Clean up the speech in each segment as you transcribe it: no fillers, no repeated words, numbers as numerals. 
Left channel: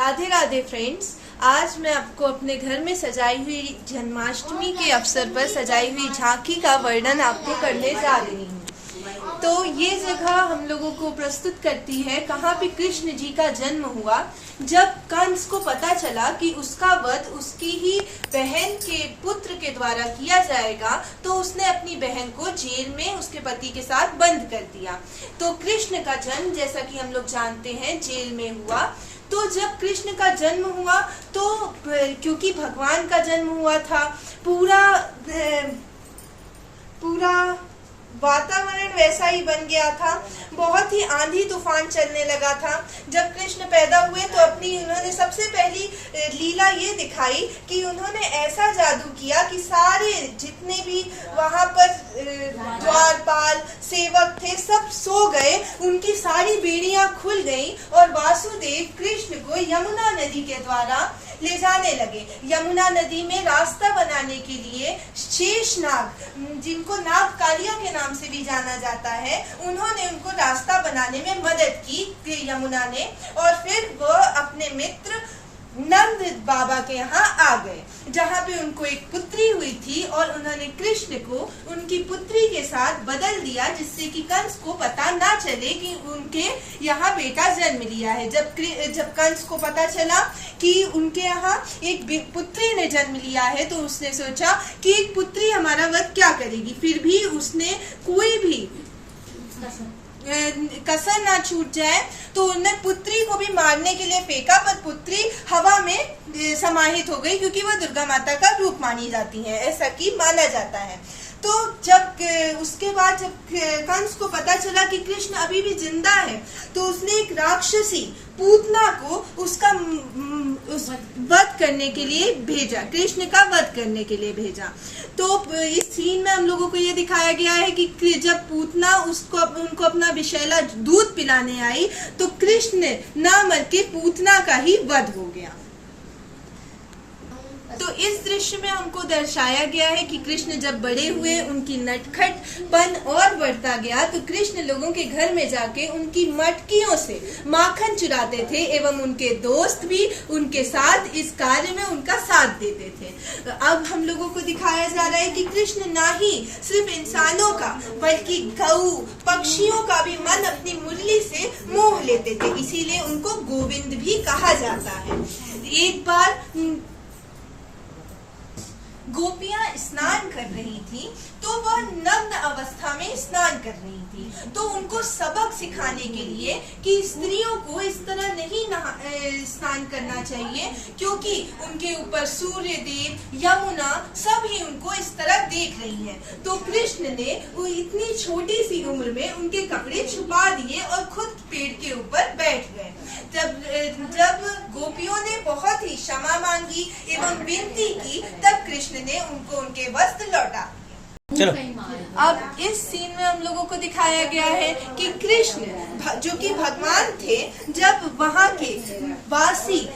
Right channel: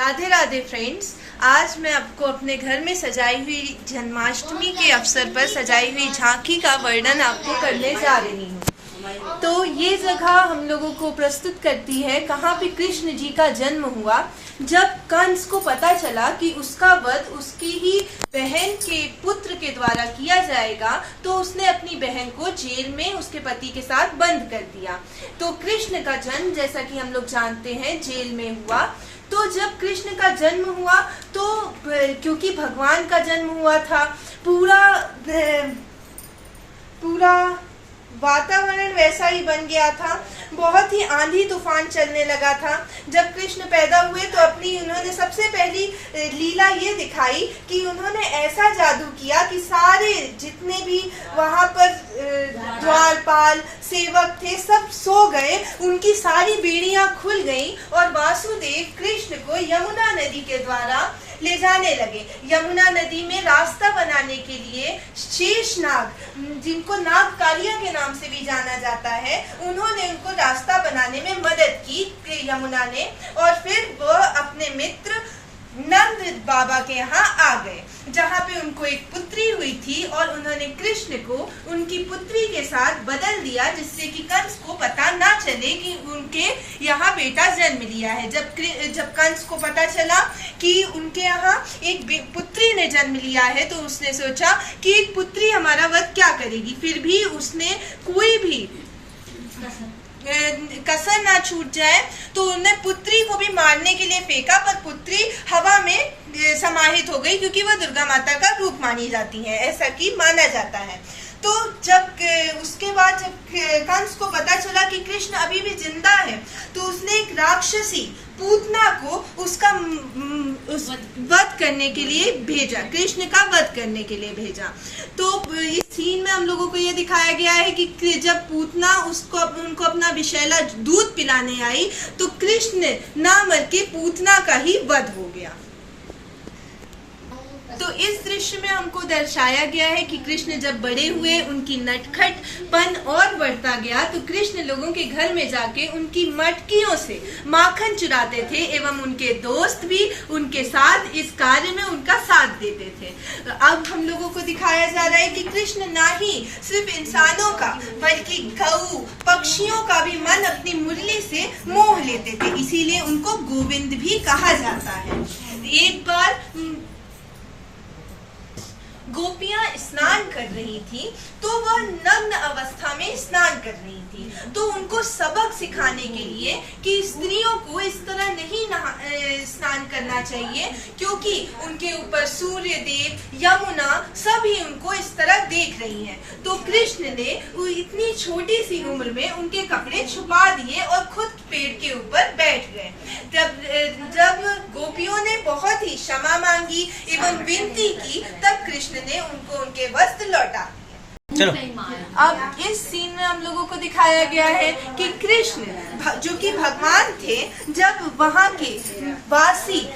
Radhe Radhe friends, आज मैं आपको अपने घर में सजाई हुई जन्माष्टमी के अवसर पर सजाई हुई झांकी का वर्णन आपको करने जा रही हूँ। तो ये जगह हम लोगों को प्रस्तुत करती है कहाँ पे कृष्ण जी का जन्म हुआ। जब कंस को पता चला कि उसका वध उसकी ही बहन के पुत्र के द्वारा किया जाएगा, तो उसने अपनी बहन को जेल में उसके पति के साथ बंद कर दिया। तो कृष्ण का जन्म, जैसा कि हम लोग जानते हैं, जेल में हुआ। तो जब कृष्ण का जन्म हुआ तो क्योंकि भगवान का जन्म हुआ था, पूरा वातावरण वैसा ही बन गया था। बहुत ही आंधी तूफान चलने लगा था। जब कृष्ण पैदा हुए तो उन्होंने सबसे पहली लीला ये दिखाई कि उन्होंने ऐसा जादू किया कि सारे जितने भी वहां पर द्वारपाल सेवक थे सब सो गए, उनकी सारी बेड़ियां खुल गईं और वासुदेव कृष्ण को यमुना नदी के द्वारा ले जाने लगे। यमुना नदी में रास्ता बनाने के लिए शेषनाग, जिनको नाग कालिया के नाम से भी जाना जाता है, उन्होंने उनको रास्ता बनाने में मदद की यमुना ने। और फिर वो अपने मित्र नंद बाबा के यहाँ आ गए, जहाँ पे उनको एक पुत्री हुई थी और उन्होंने कृष्ण को उनकी पुत्री के साथ बदल दिया, जिससे कि कंस को पता ना चले कि उनके यहाँ बेटा जन्म लिया है। जब कंस को पता चला कि उनके यहाँ एक पुत्री ने जन्म लिया है, तो उसने सोचा कि एक पुत्री हमारा वध क्या करेगी। फिर भी उसने कोई भी कसर ना छूट जाए, तो उन्होंने पुत्री को भी मारने के लिए फेंका, पर पुत्री हवा में समाहित हो गई, क्योंकि वह दुर्गा माता का रूप मानी जाती है, ऐसा कि माना जाता है। तो जब उसके बाद जब कंस को पता चला कि कृष्ण अभी भी जिंदा है, तो उसने एक राक्षसी पूतना को उसका वध करने के लिए भेजा, कृष्ण का वध करने के लिए भेजा। तो इस सीन में हम लोगों को ये दिखाया गया है कि जब पूतना उनको अपना विषैला दूध पिलाने आई, तो कृष्ण ना मर के पूतना का ही वध हो गया। तो इस दृश्य में हमको दर्शाया गया है कि कृष्ण जब बड़े हुए, उनकी नटखटपन और बढ़ता गया, तो कृष्ण लोगों के घर में जाके उनकी मटकियों से माखन चुराते थे, एवं उनके दोस्त भी उनके साथ इस कार्य में उनका साथ देते थे। अब हम लोगों को दिखाया जा रहा है कि कृष्ण ना ही सिर्फ इंसानों का, बल्कि गऊ पक्षियों का भी मन अपनी मुरली से मोह लेते थे, इसीलिए उनको गोविंद भी कहा जाता है। एक बार गोपियां स्नान कर रही थी, तो वह नग्न अवस्था में स्नान कर रही थी। तो उनको सबक सिखाने के लिए कि स्त्रियों को इस तरह नहीं स्नान करना चाहिए, क्योंकि उनके ऊपर सूर्य देव, यमुना सभी उनको इस तरह देख रही हैं। तो कृष्ण ने वो इतनी छोटी सी उम्र में उनके कपड़े छुपा दिए और खुद पेड़ के ऊपर बैठ गए। जब गोपियों ने बहुत ही क्षमा मांगी एवं विनती की, तब कृष्ण ने उनको उनके वस्त्र लौटा दिए। चलो। अब इस सीन में हम लोगों को दिखाया गया है कि कृष्ण जो कि भगवान थे, जब वहाँ के वासी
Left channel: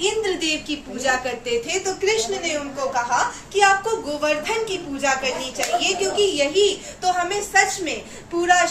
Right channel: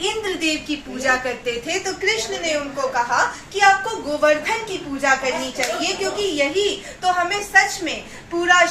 इंद्रदेव की पूजा करते थे, तो कृष्ण ने उनको कहा कि आपको गोवर्धन की पूजा करनी चाहिए, क्योंकि यही तो हमें सच में पूरा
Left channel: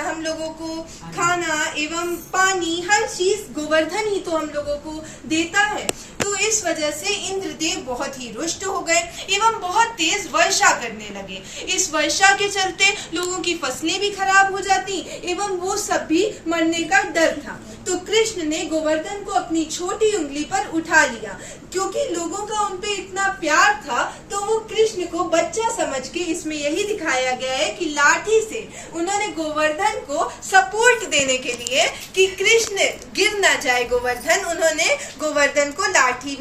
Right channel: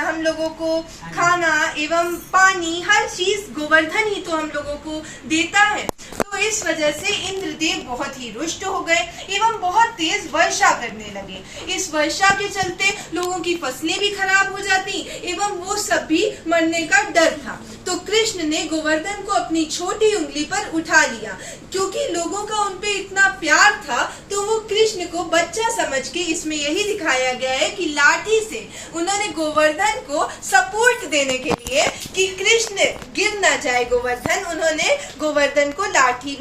हम लोगों को खाना एवं पानी, हर चीज गोवर्धन ही तो हम लोगों को देता है। तो इस वजह से इंद्रदेव बहुत ही रुष्ट हो गए एवं बहुत तेज वर्षा करने लगे। इस वर्षा के चलते लोगों की फसलें भी खराब हो जाती एवं वो सब भी मरने का डर था। तो कृष्ण ने गोवर्धन को अपनी छोटी उंगली पर उठा लिया, क्योंकि लोगों का उन पे इतना प्यार था, तो वो कृष्ण को बच्चा समझ के, इसमें यही दिखाया गया है कि लाठी से उन्होंने गोवर्धन को सपोर्ट देने के लिए कि कृष्ण गिर ना जाए गोवर्धन, उन्होंने गोवर्धन को लाठी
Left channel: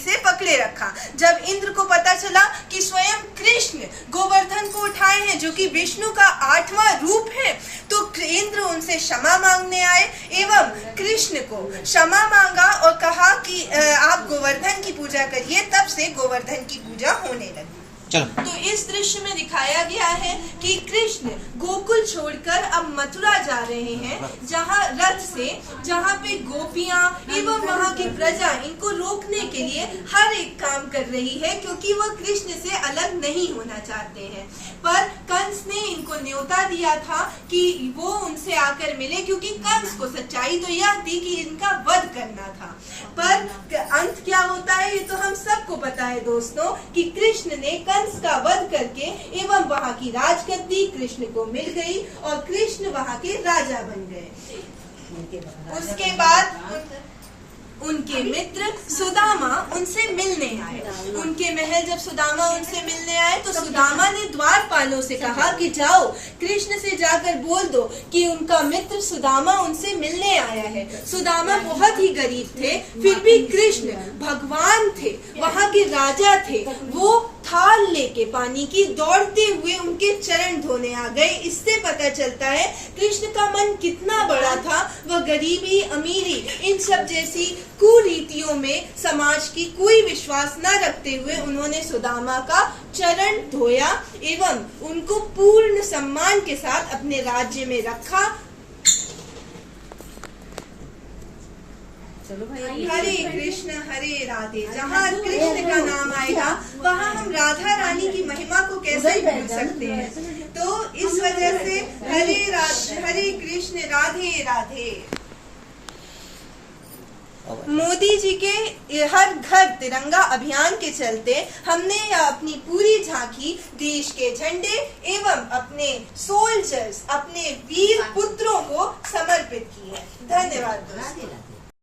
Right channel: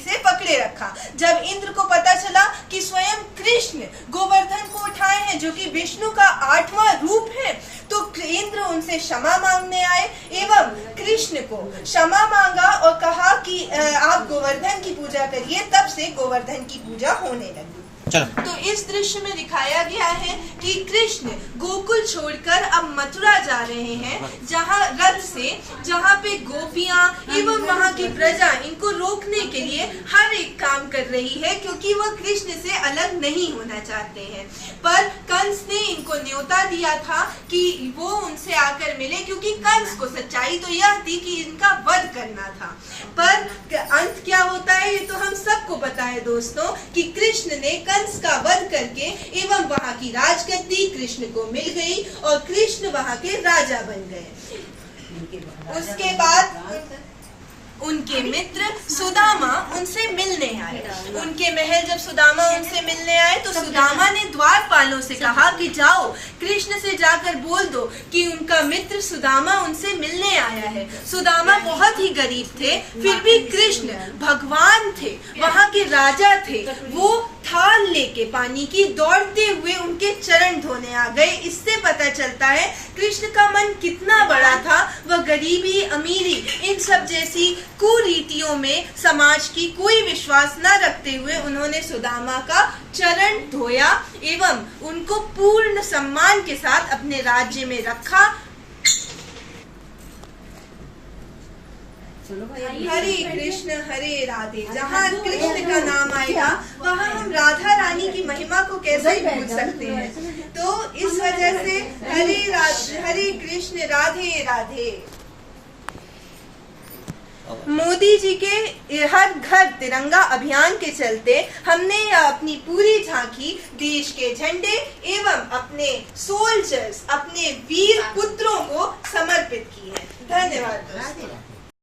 से पकड़े रखा। जब इंद्र को पता चला कि स्वयं कृष्ण गोवर्धन को उठाए हैं, जो कि विष्णु का 8वां रूप है, तो इंद्र उनसे क्षमा मांगने आए एवं कृष्ण को क्षमा मांगा और कहा कि आप गोवर्धन की पूजा करिए। तब से गोवर्धन की पूजा होने लगी। तो इस दृश्य में दिखाया गया है कि कृष्ण गोकुल छोड़कर अब मथुरा जा रहे हैं, जहाँ रथ से, जहाँ पे गोपियां एवं वहाँ की प्रजा इनको रोकने के लिए हर एक काम कर रही है, क्योंकि वह कृष्ण से अलग नहीं होना चाहते हैं। पर कंस ने इनको न्योता दिया था कि वो उनसे आकर मिले, क्योंकि कंस को सच्चाई तो यह थी कि इनका वध करना था। पर अंत क्या होता है ये तो हम सबको पता है दोस्तों, कि कृष्ण ने कंस का वध करके एवं वहां की राजगद्दी कृष्ण को मिल गई और कृष्ण वहां के राजा बन गए। उसके बाद उनके मित्र सुदामा उनसे मिलने आए। उनके महल जब सुदामा उनसे मिलने आए तो सुदामा ने द्वारपालों से कहा कि जाओ कृष्ण से जाकर बोल दो कि उनका मित्र सुदामा उनसे मिलने आया है। सुदामा बहुत ही गरीब थे, फिर भी कृष्ण भगवान थे, वहां के राजा थे। वो थाल लेके पानी की दौड़ते हुए उनके चरण धोने आ गए। इससे पता चलता है कृष्ण का मन कितना बड़ा था। वह गरीबी, अमीरी, इन सब जैसी कुरीतियों में समाज की कोई विश्वास न रखते हुए उन्होंने सुदामा का चरण धोया एवं उनको पूर्ण सम्मान के साथ अपने राज्य में रखा। हरे कृष्ण हरे राधे। जहाँ कृष्ण का नाम आएगा वहाँ हम राधा रानी की महिमा को कैसे भूल सकते हैं। तो इस वजह से हरे कृष्ण राधे राधे। मोदी जी के हर घर तिरंगा अभियान के चलते हमने अपनी पूरी झांकी देश के झंडे एवं अपने सोल्जर्स, अपने वीर पुत्रों को समर्पित की है। धन्यवाद दोस्तों।